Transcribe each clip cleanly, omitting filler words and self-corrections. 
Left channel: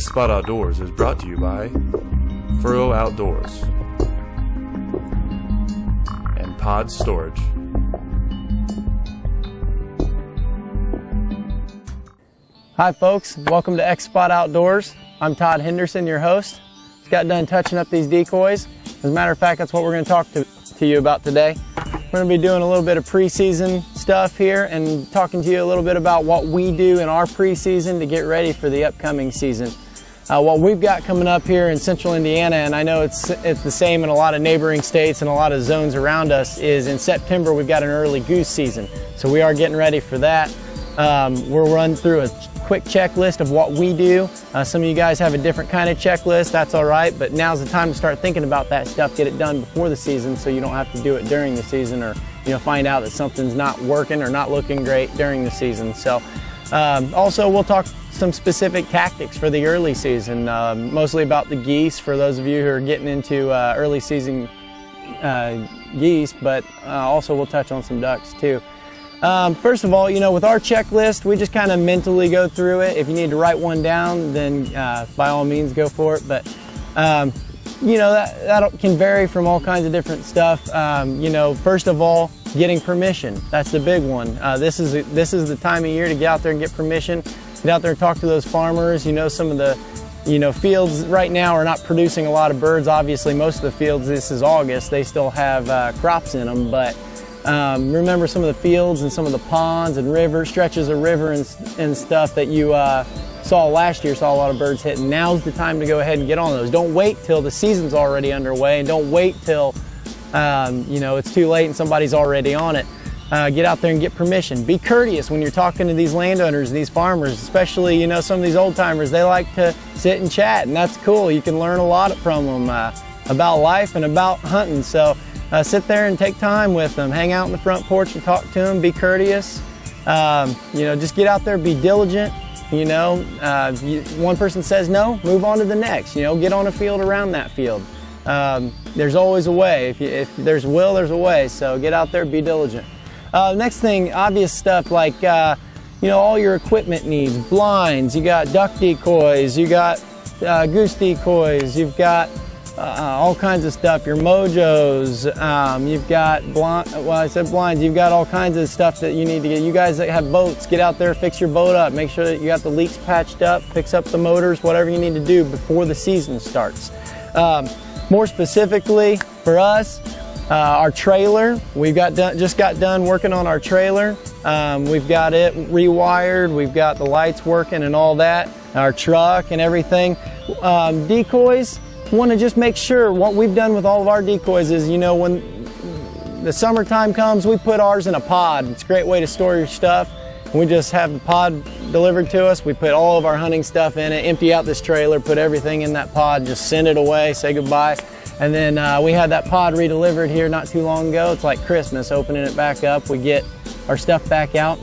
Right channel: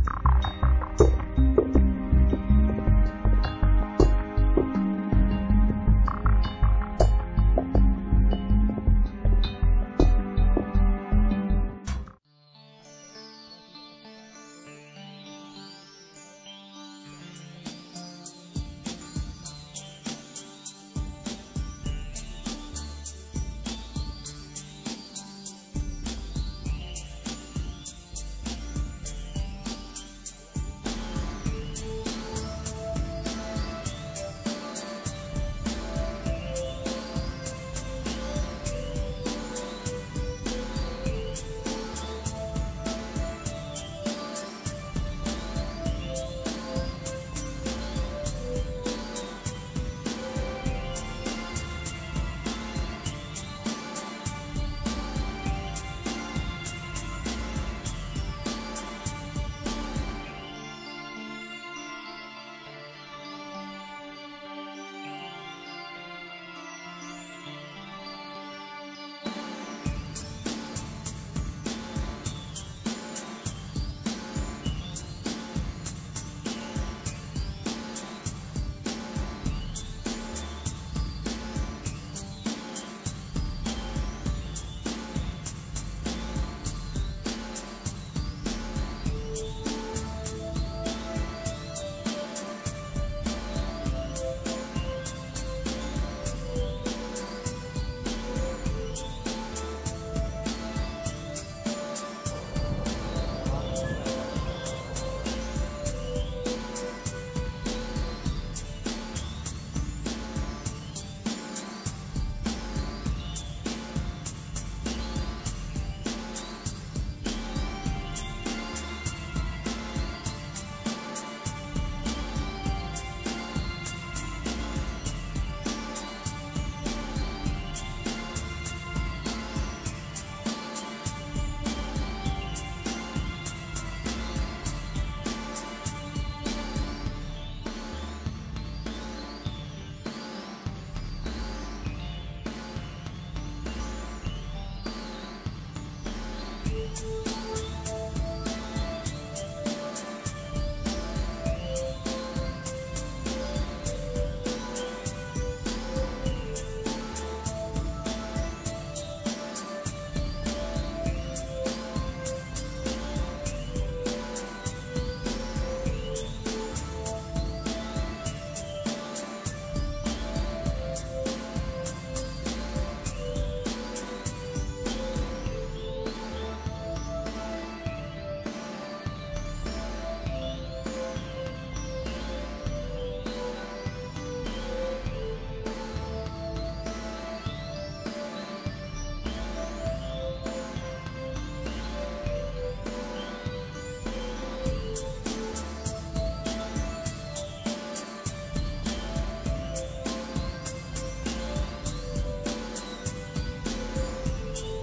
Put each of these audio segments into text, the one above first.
Spot Outdoors is brought to you by Furrow Outdoors and Pod Storage. Hi folks, welcome to X-Spot Outdoors. I'm Todd Henderson, your host. Just got done touching up these decoys. As a matter of fact, that's what we're going to talk to you about today. We're going to be doing a little bit of preseason stuff here and talking to you a little bit about what we do in our preseason to get ready for the upcoming season. What we've got coming up here in central Indiana, and I know it's the same in a lot of neighboring states and a lot of zones around us, is in September we've got an early goose season. So we are getting ready for that. We'll run through a quick checklist of what we do. Some of you guys have a different kind of checklist, that's all right, but now's the time to start thinking about that stuff, get it done before the season so you don't have to do it during the season, or find out that something's not working or not looking great during the season. So also we'll talk some specific tactics for the early season, mostly about the geese for those of you who are getting into early season geese, but also we'll touch on some ducks too. First of all, with our checklist, we just kind of mentally go through it. If you need to write one down, then by all means go for it. But that can vary from all kinds of different stuff. First of all, getting permission. That's the big one. This is the time of year to get out there and get permission. Get out there and talk to those farmers. Some of the fields right now are not producing a lot of birds. Obviously, most of the fields, this is August, they still have crops in them. But remember some of the fields and some of the ponds and rivers, stretches of river and stuff that you saw last year, saw a lot of birds hitting. Now's the time to go ahead and get on those. Don't wait till the season's already underway, and don't wait till it's too late and somebody's already on it. Get out there and get permission. Be courteous when you're talking to these landowners, these farmers, especially some of these old timers. They like to sit and chat, and that's cool. You can learn a lot from them about life and about hunting. So sit there and take time with them. Hang out on the front porch and talk to them. Be courteous. Just get out there, be diligent. One person says no, move on to the next. Get on a field around that field. There's always a way. If there's a will, there's a way. So get out there, be diligent. Next thing, obvious stuff like all your equipment needs. Blinds, you got duck decoys, you got goose decoys, you've got all kinds of stuff, your mojos, you've got blinds, you've got all kinds of stuff that you need to get. You guys that have boats, get out there, fix your boat up, make sure that you got the leaks patched up, fix up the motors, whatever you need to do before the season starts. More specifically for us, our trailer, just got done working on our trailer. We've got it rewired, we've got the lights working and all that, our truck and everything. Decoys, want to just make sure what we've done with all of our decoys is, when the summertime comes, we put ours in a pod. It's a great way to store your stuff. We just have the pod delivered to us. We put all of our hunting stuff in it, empty out this trailer, put everything in that pod, just send it away, say goodbye. And then we had that pod redelivered here not too long ago. It's like Christmas, opening it back up. We get our stuff back out,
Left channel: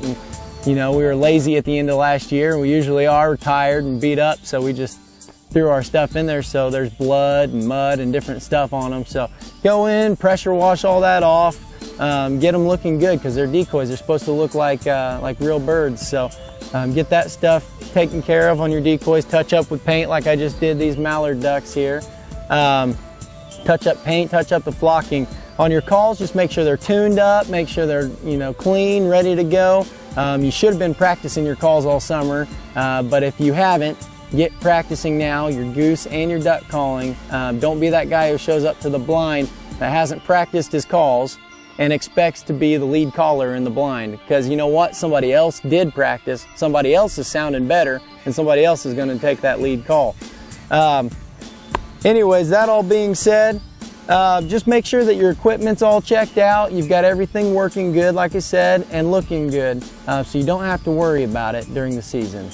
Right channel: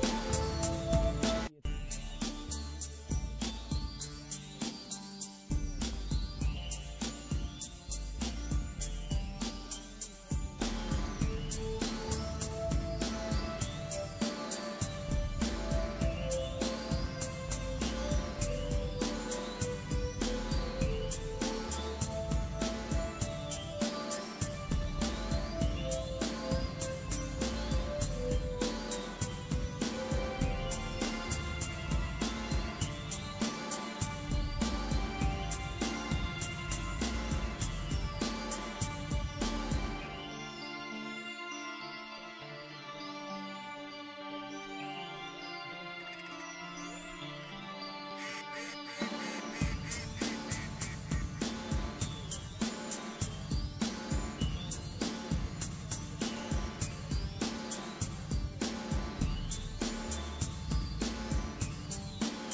and we were lazy at the end of last year. We usually are, tired and beat up, so we just threw our stuff in there. So there's blood and mud and different stuff on them. So go in, pressure wash all that off, get them looking good, because they're decoys. They're supposed to look like real birds. So get that stuff taken care of on your decoys. Touch up with paint like I just did these mallard ducks here. Touch up paint, touch up the flocking. On your calls, just make sure they're tuned up, make sure they're clean, ready to go. You should have been practicing your calls all summer, but if you haven't, get practicing now, your goose and your duck calling. Don't be that guy who shows up to the blind that hasn't practiced his calls and expects to be the lead caller in the blind, because you know what? Somebody else did practice, somebody else is sounding better, and somebody else is going to take that lead call. Anyways, that all being said, Just make sure that your equipment's all checked out. You've got everything working good, like I said, and looking good, so you don't have to worry about it during the season.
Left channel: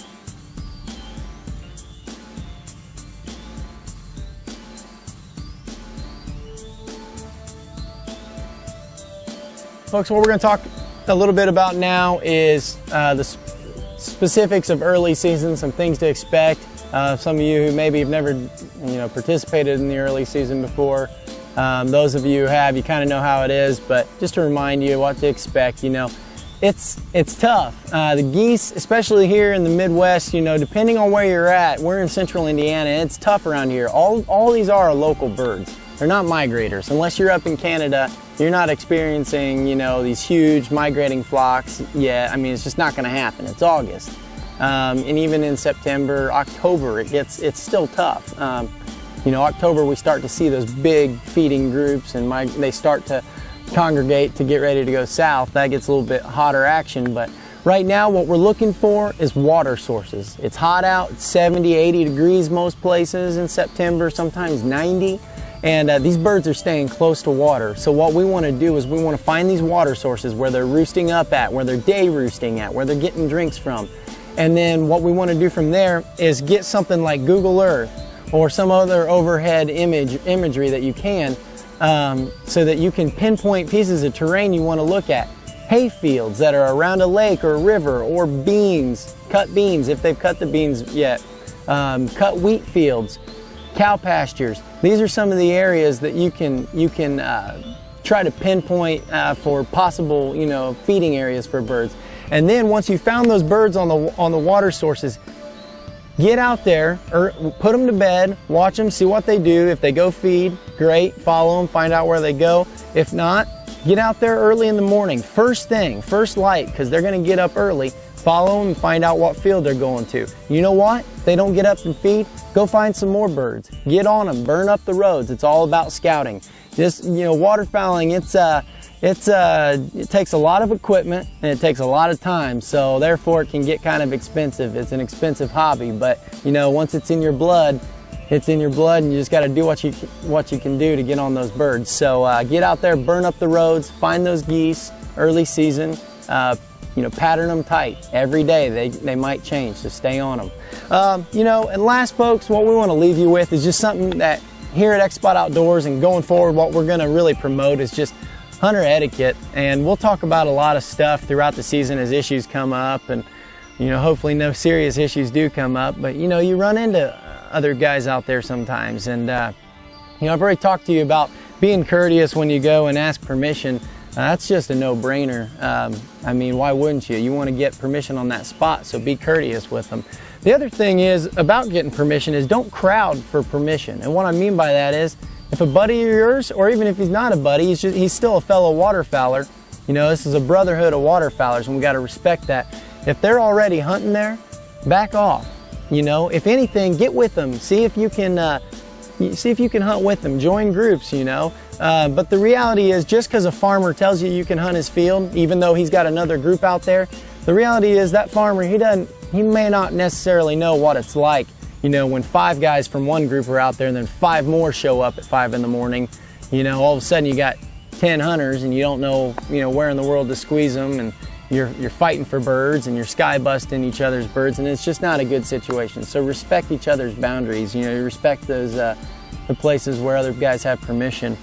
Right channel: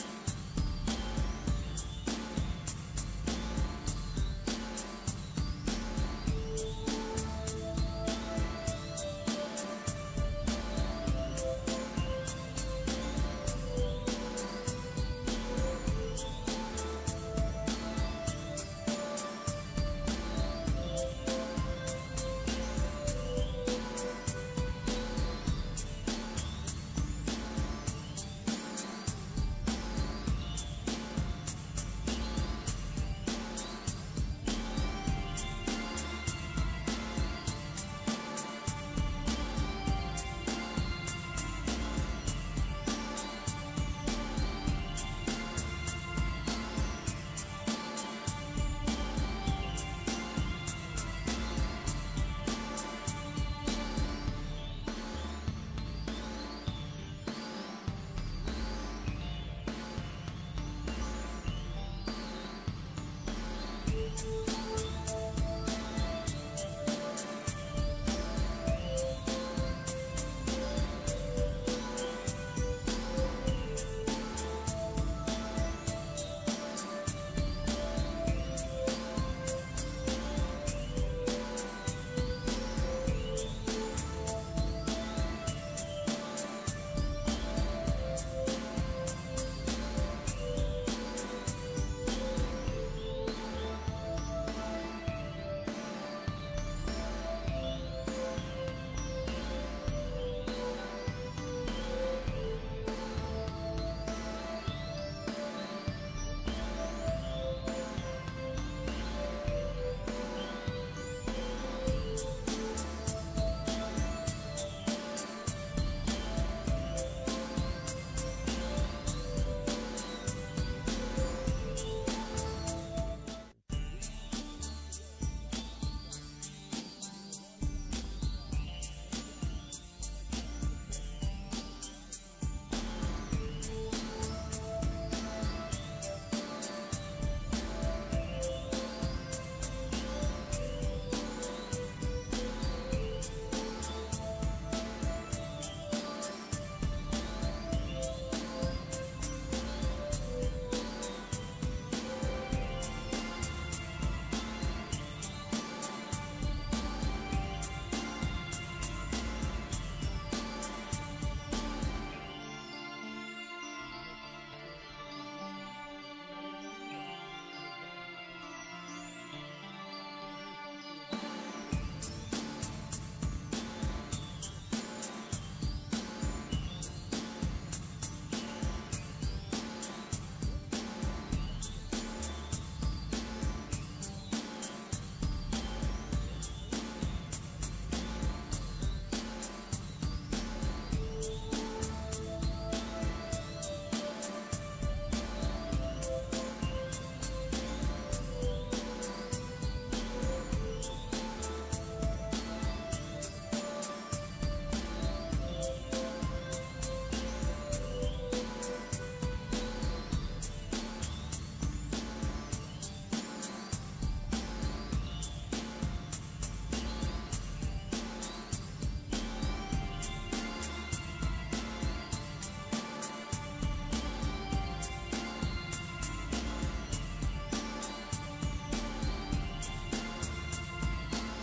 Folks, what we're going to talk a little bit about now is the specifics of early season, some things to expect. Some of you who maybe have never participated in the early season before, those of you who have, you kind of know how it is, but just to remind you what to expect, it's tough. The geese, especially here in the Midwest, depending on where you're at, we're in central Indiana, and it's tough around here. All these are local birds. They're not migrators. Unless you're up in Canada, you're not experiencing, these huge migrating flocks yet. I mean, it's just not going to happen. It's August. And even in September, October, it's still tough. October, we start to see those big feeding groups, and they start to congregate to get ready to go south. That gets a little bit hotter action, but right now what we're looking for is water sources. It's hot out, it's 70, 80 degrees most places in September, sometimes 90. And these birds are staying close to water. So what we want to do is we want to find these water sources where they're roosting up at, where they're day roosting at, where they're getting drinks from. And then what we want to do from there is get something like Google Earth or some other overhead imagery that you can, so that you can pinpoint pieces of terrain you want to look at. Hay fields that are around a lake or a river, or beans, cut beans if they've cut the beans yet, cut wheat fields, cow pastures. These are some of the areas that you can try to pinpoint for possible feeding areas for birds. And then once you found those birds on the water sources, get out there, or put them to bed, watch them, see what they do. If they go feed, great, follow them, find out where they go. If not, get out there early in the morning, first thing, first light, because they're going to get up early. Follow them and find out what field they're going to. You know what? If they don't get up and feed, go find some more birds. Get on them, burn up the roads. It's all about scouting. Just, waterfowling, it takes a lot of equipment and it takes a lot of time, so therefore it can get kind of expensive. It's an expensive hobby, but once it's in your blood, it's in your blood, and you just got to do what you can do to get on those birds. So get out there, burn up the roads, find those geese early season. Pattern them tight every day. They might change, so stay on them. And last, folks, what we want to leave you with is just something that here at X-Spot Outdoors and going forward, what we're going to really promote is just hunter etiquette. And we'll talk about a lot of stuff throughout the season as issues come up, and hopefully no serious issues do come up, but you run into other guys out there sometimes. And I've already talked to you about being courteous when you go and ask permission. That's just a no-brainer. I mean, why wouldn't you? You want to get permission on that spot, so be courteous with them. The other thing is about getting permission is don't crowd for permission. And what I mean by that is, if a buddy of yours, or even if he's not a buddy, he's still a fellow waterfowler. This is a brotherhood of waterfowlers, and we got to respect that. If they're already hunting there, back off. If anything, get with them. See if you can hunt with them. Join groups. But the reality is, just because a farmer tells you can hunt his field, even though he's got another group out there, the reality is that farmer, he may not necessarily know what it's like, when 5 guys from one group are out there and then 5 more show up at 5 in the morning. All of a sudden you got 10 hunters and you don't know, where in the world to squeeze them, and you're fighting for birds and you're sky busting each other's birds, and it's just not a good situation. So respect each other's boundaries. Respect those the places where other guys have permission.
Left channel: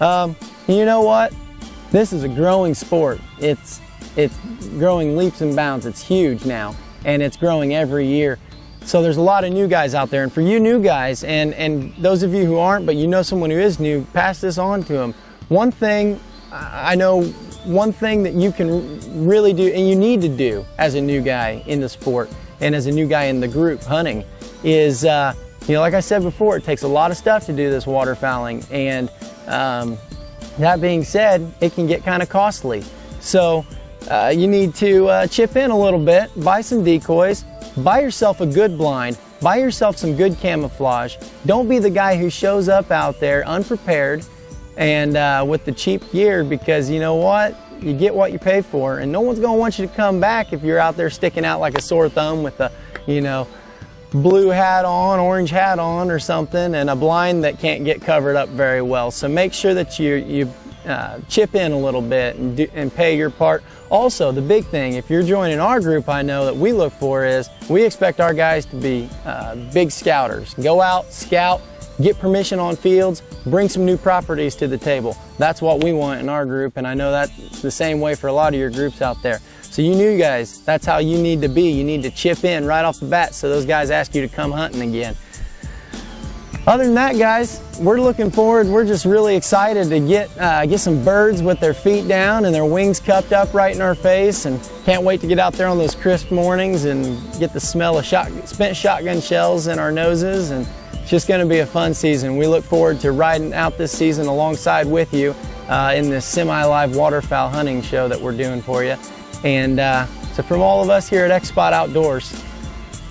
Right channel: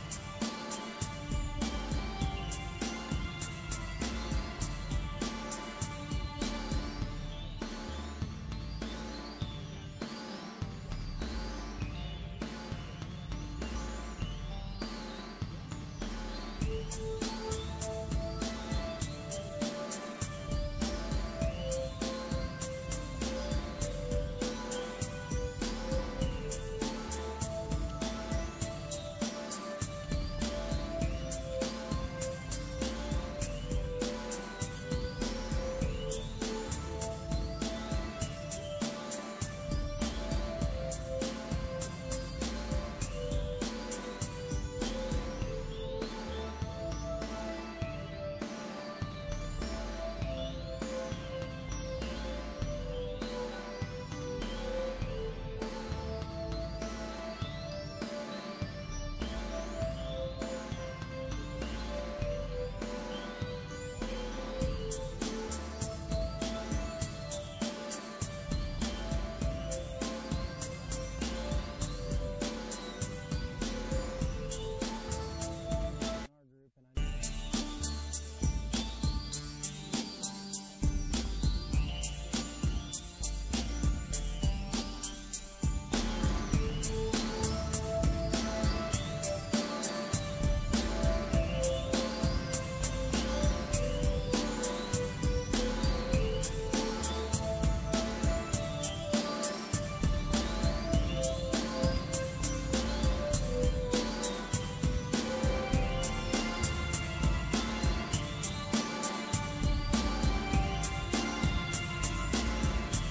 You know what? This is a growing sport. It's growing leaps and bounds. It's huge now, and it's growing every year. So there's a lot of new guys out there, and for you new guys, and those of you who aren't, but someone who is new, pass this on to them. One thing that you can really do, and you need to do as a new guy in the sport, and as a new guy in the group hunting, is like I said before, it takes a lot of stuff to do this waterfowling, and that being said, it can get kind of costly. So you need to chip in a little bit, buy some decoys, buy yourself a good blind, buy yourself some good camouflage. Don't be the guy who shows up out there unprepared and with the cheap gear, because you know what? You get what you pay for, and no one's going to want you to come back if you're out there sticking out like a sore thumb with a, blue hat on, orange hat on or something, and a blind that can't get covered up very well. So make sure that you chip in a little bit and pay your part. Also, the big thing, if you're joining our group, I know that we look for is we expect our guys to be big scouters. Go out, scout, get permission on fields, bring some new properties to the table. That's what we want in our group, and I know that's the same way for a lot of your groups out there. So you new guys, that's how you need to be. You need to chip in right off the bat so those guys ask you to come hunting again. Other than that, guys, we're looking forward. We're just really excited to get some birds with their feet down and their wings cupped up right in our face, and can't wait to get out there on those crisp mornings and get the smell of spent shotgun shells in our noses. And it's just going to be a fun season. We look forward to riding out this season alongside with you in this semi-live waterfowl hunting show that we're doing for you. And so from all of us here at X Spot Outdoors,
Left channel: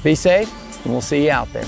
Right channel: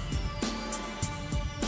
be safe, and we'll see you out there.